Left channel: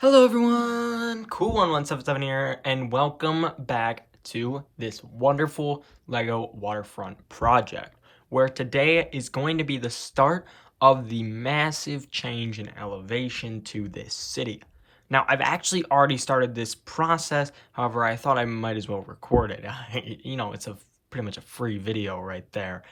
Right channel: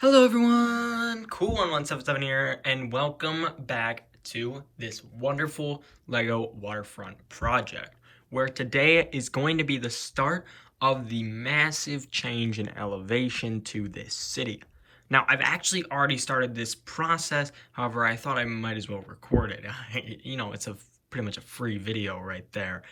Hello everyone, Cool1177 here, and welcome back to this wonderful LEGO Waterfront project, where today is going to be the start of the massive change in elevation to this city. Now, I've actually already started this process, however, I thought I might as well record it. It's pretty much a free video right there.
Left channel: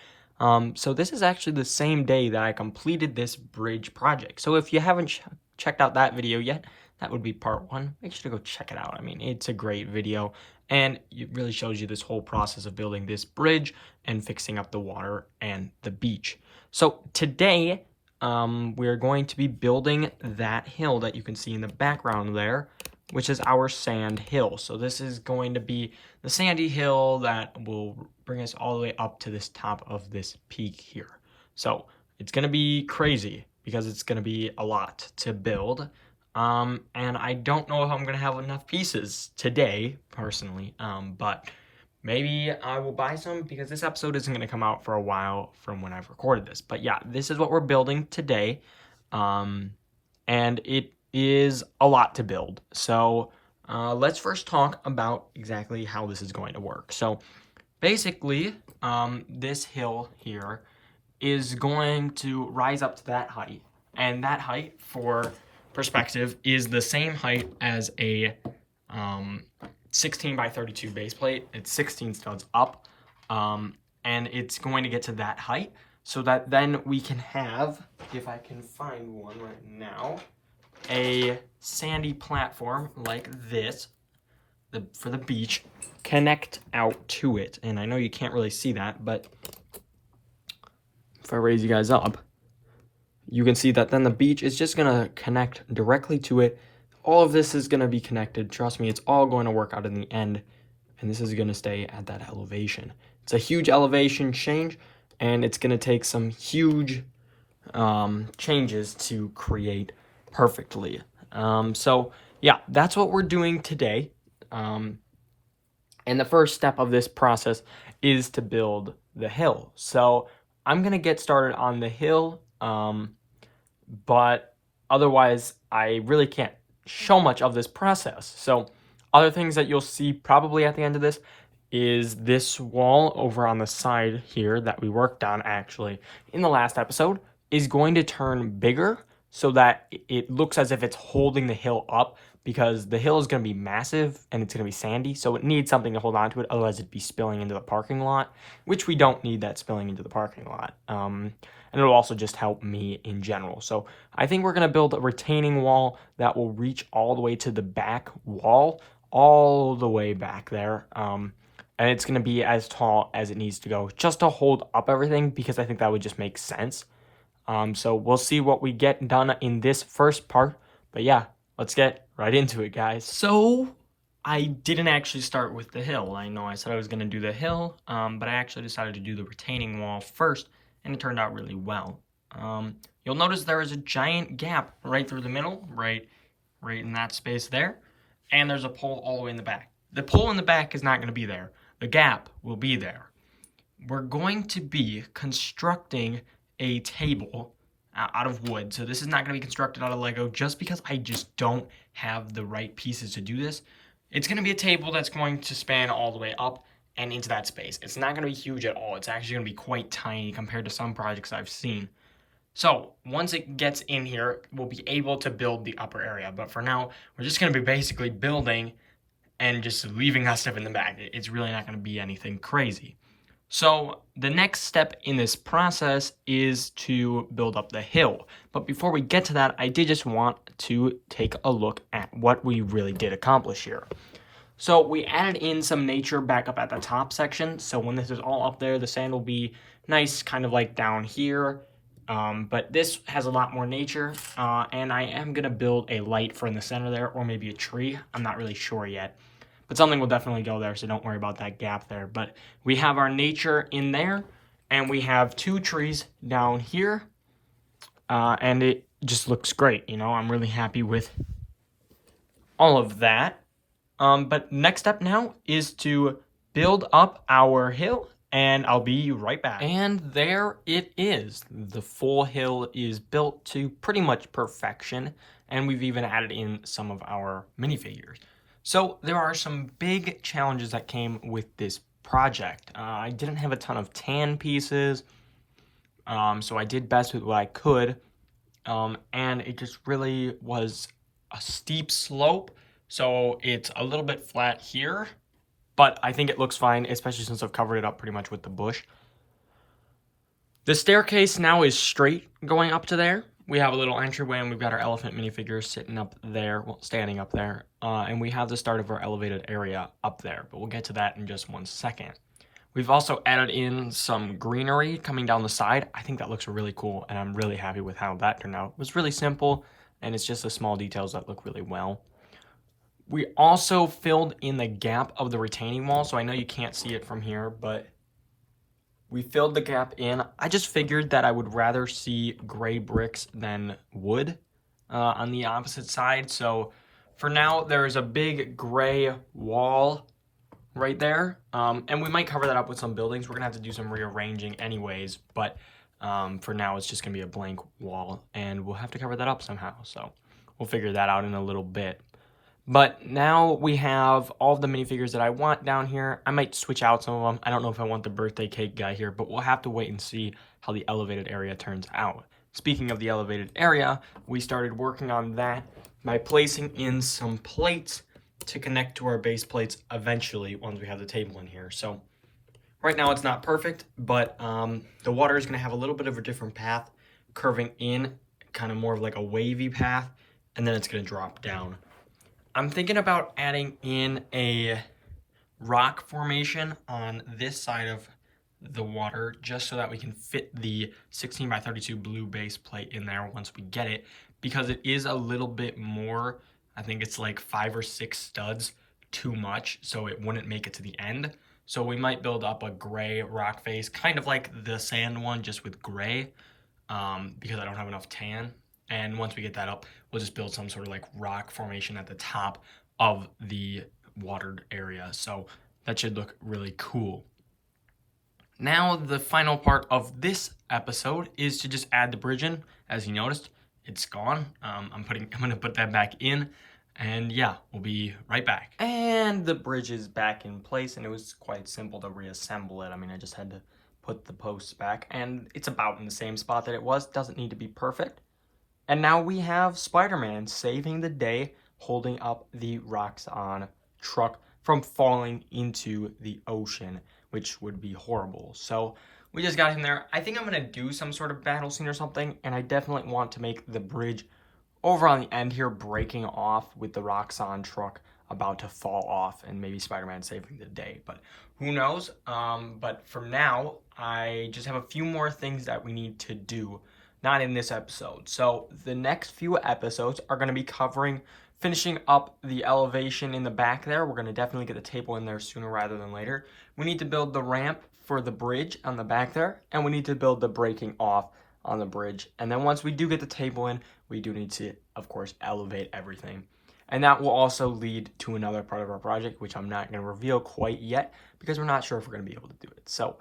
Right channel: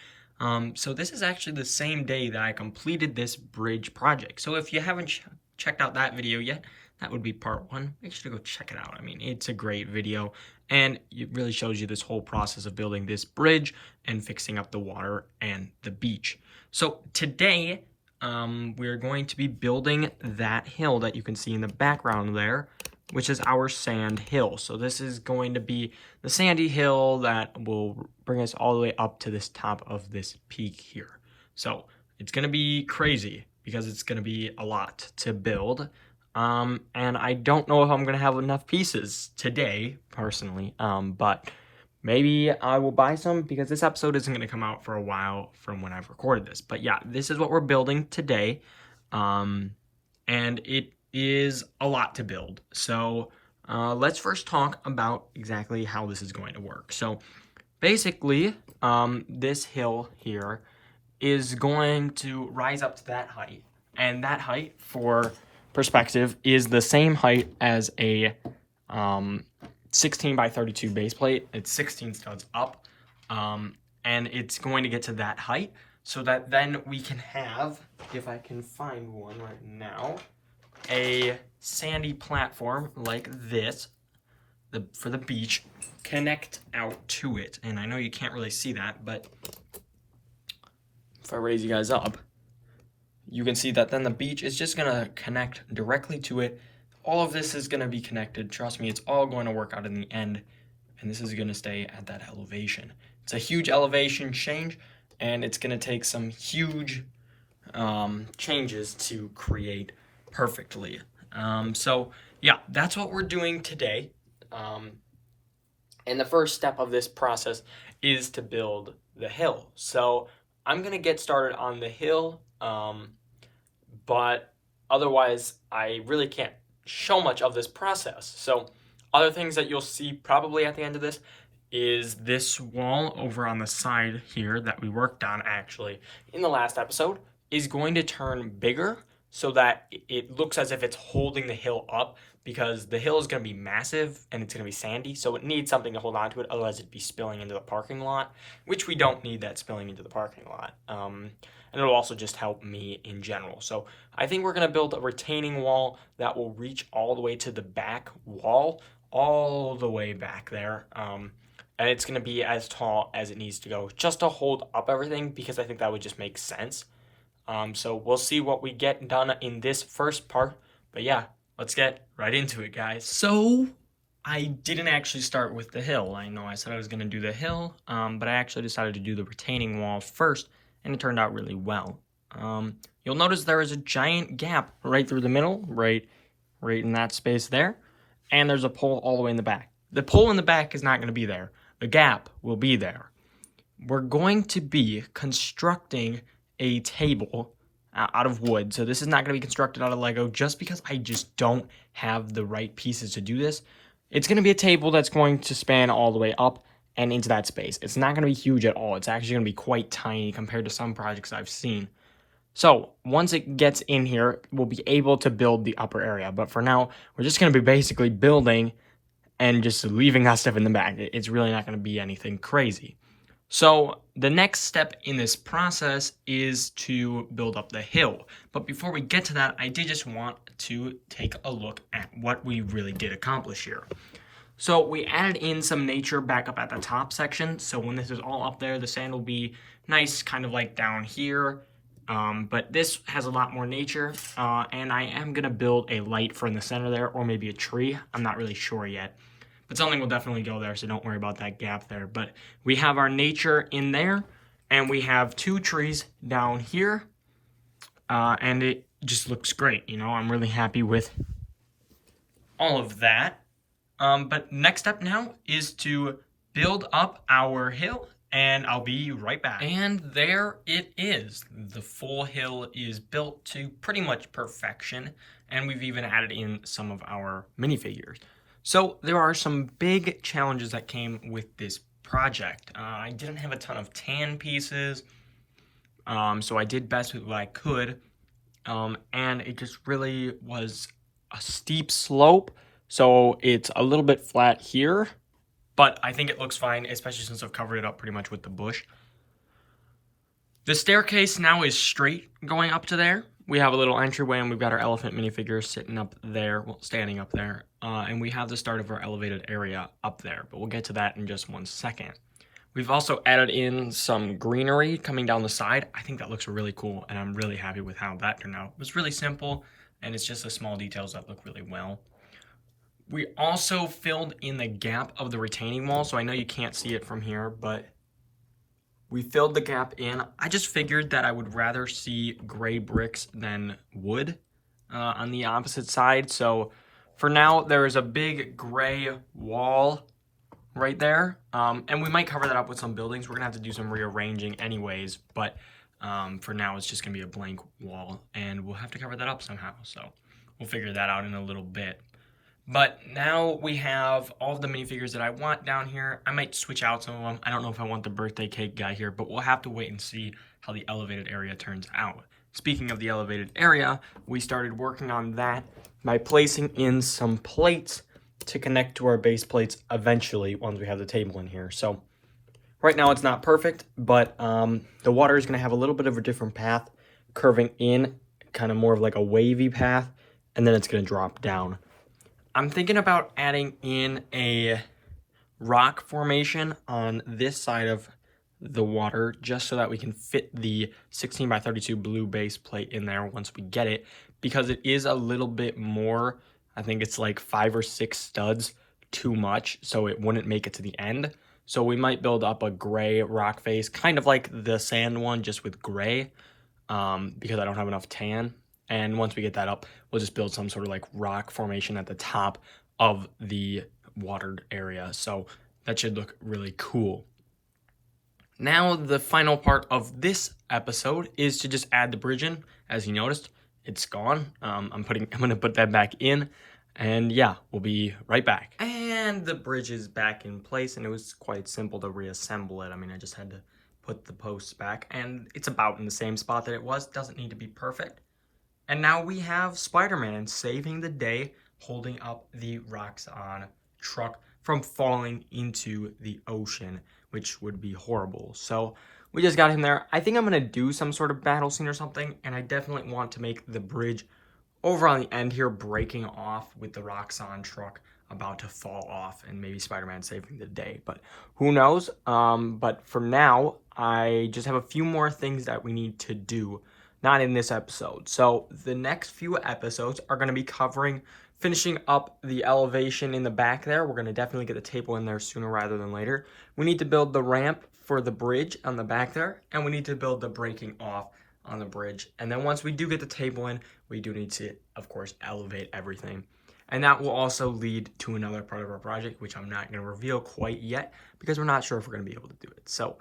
So this is actually the same day that I completed this bridge project. So if you haven't checked out that video yet, that would be part one. Make sure to go check it out. I mean, it's a great video, and it really shows you this whole process of building this bridge and fixing up the water and the beach. So today, we're going to be building that hill that you can see in the background there, which is our sand hill. So this is going to be the sandy hill that will bring us all the way up to this top of this peak here. So it's going to be crazy because it's going to be a lot to build. And I don't know if I'm going to have enough pieces today, personally, but maybe I will buy some because this episode isn't going to come out for a while from when I've recorded this. But yeah, this is what we're building today, and it is a lot to build. So let's first talk about exactly how this is going to work. So basically, this hill here is going to rise up to that height, and that height, for perspective, is the same height as a 16 by 32 base plate. It's 16 studs up, and it's going to get to that height so that then we can have, if I can find one right now, a sandy platform like this for the beach connect out to it. And I know you can't really see that, but if I raise you guys up, you can see that then the beach is just going to connect directly to it. All of this is going to be connected. Trust me, it's all going to work out in the end. And this is going to stay at that elevation. It's a huge elevation change, and it's going to take some huge changes to create perfectly. So yeah, that's what we're doing today. And the first step of this process is to build the hill. So I'm going to get started on the hill. But otherwise, I really can't show much of this process. So other things that you'll see probably at the end of this is this wall over on the side here that we worked on actually in the last episode is going to turn bigger so that it looks as if it's holding the hill up, because the hill is going to be massive and it's going to be sandy, so it needs something to hold on to it, otherwise it'd be spilling into the parking lot, which we don't need that spilling into the parking lot. And it'll also just help me in general. So I think we're going to build a retaining wall that will reach all the way to the back wall, all the way back there. And it's going to be as tall as it needs to go just to hold up everything, because I think that would just make sense. So we'll see what we get done in this first part. But yeah, let's get right into it, guys. So I didn't actually start with the hill. I know I said I was going to do the hill, but I actually decided to do the retaining wall first, and it turned out really well. You'll notice there is a giant gap right through the middle, right in that space there, and there's a pole all the way in the back. The pole in the back is not going to be there. The gap will be there. We're going to be constructing a table out of wood. So this is not going to be constructed out of Lego just because I just don't have the right pieces to do this. It's going to be a table that's going to span all the way up and into that space. It's not going to be huge at all. It's actually going to be quite tiny compared to some projects I've seen. So once it gets in here, we'll be able to build the upper area. But for now, we're just going to be basically building and just leaving that stuff in the back. It's really not going to be anything crazy. So the next step in this process is to build up the hill. But before we get to that, I did just want to take a look at what we really did accomplish here. So we added in some nature back up at the top section. So when this is all up there, the sand will be nice, kind of like down here. But this has a lot more nature. And I am going to build a light for in the center there, or maybe a tree. I'm not really sure yet. But something will definitely go there, so don't worry about that gap there. But we have our nature in there, and we have two trees down here. And it just looks great, I'm really happy with all of that. But next step now is to build up our hill, and I'll be right back. And there it is. The full hill is built to pretty much perfection, and we've even added in some of our minifigures. So there are some big challenges that came with this project. I didn't have a ton of tan pieces, so I did best with what I could, and it just really was a steep slope, so it's a little bit flat here, but I think it looks fine, especially since I've covered it up pretty much with the bush. The staircase now is straight going up to there. We have a little entryway, and we've got our elephant minifigures sitting up there, well, standing up there, and we have the start of our elevated area up there, but we'll get to that in just 1 second. We've also added in some greenery coming down the side. I think that looks really cool, and I'm really happy with how that turned out. It was really simple, and it's just the small details that look really well. We also filled in the gap of the retaining wall, so I know you can't see it from here, but we filled the gap in. I just figured that I would rather see gray bricks than wood on the opposite side. So for now, there is a big gray wall right there. And we might cover that up with some buildings. We're gonna have to do some rearranging anyways, but for now, it's just gonna be a blank wall, and we'll have to cover that up somehow. So we'll figure that out in a little bit. But now we have all of the minifigures that I want down here. I might switch out some of them. I don't know if I want the birthday cake guy here, but we'll have to wait and see how the elevated area turns out. Speaking of the elevated area, we started working on that by placing in some plates to connect to our base plates eventually once we have the table in here. So right now it's not perfect, but the water is going to have a little bit of a different path, curving in, kind of more of like a wavy path, and then it's going to drop down. I'm thinking about adding in a rock formation on this side of the water just so that we can fit the 16 by 32 blue base plate in there once we get it, because it is a little bit more, I think it's like 5 or 6 studs too much, so it wouldn't make it to the end. So we might build up a gray rock face, kind of like the sand one, just with gray, because I don't have enough tan. And once we get that up, we'll just build some sort of like rock formation at the top of the watered area. So that should look really cool. Now the final part of this episode is to just add the bridge in. As you noticed, it's gone. I'm gonna put that back in, and yeah, we'll be right back. And the bridge is back in place, and it was quite simple to reassemble it. I mean, I just had to put the posts back, and it's about in the same spot that it was. Doesn't need to be perfect. And now we have Spider-Man saving the day, holding up the Roxxon truck from falling into the ocean, which would be horrible. So we just got him there. I think I'm going to do some sort of battle scene or something, and I definitely want to make the bridge over on the end here breaking off with the Roxxon truck about to fall off, and maybe Spider-Man saving the day, but who knows? But for now, I just have a few more things that we need to do. Not in this episode. So the next few episodes are going to be covering finishing up the elevation in the back there. We're going to definitely get the table in there sooner rather than later. We need to build the ramp for the bridge on the back there, and we need to build the breaking off on the bridge. And then once we do get the table in, we do need to, of course, elevate everything. And that will also lead to another part of our project, which I'm not going to reveal quite yet because we're not sure if we're going to be able to do it. So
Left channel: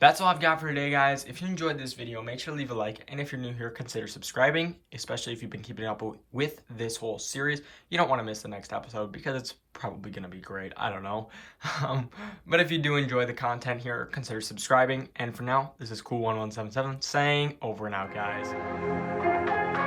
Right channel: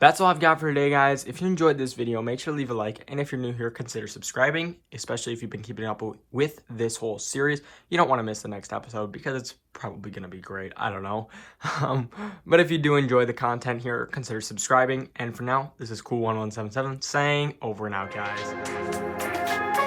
that's all I've got for today, guys. If you enjoyed this video, make sure to leave a like. And if you're new here, consider subscribing, especially if you've been keeping up with this whole series. You don't want to miss the next episode because it's probably going to be great. I don't know. But if you do enjoy the content here, consider subscribing. And for now, this is Cool1177 saying over and out, guys.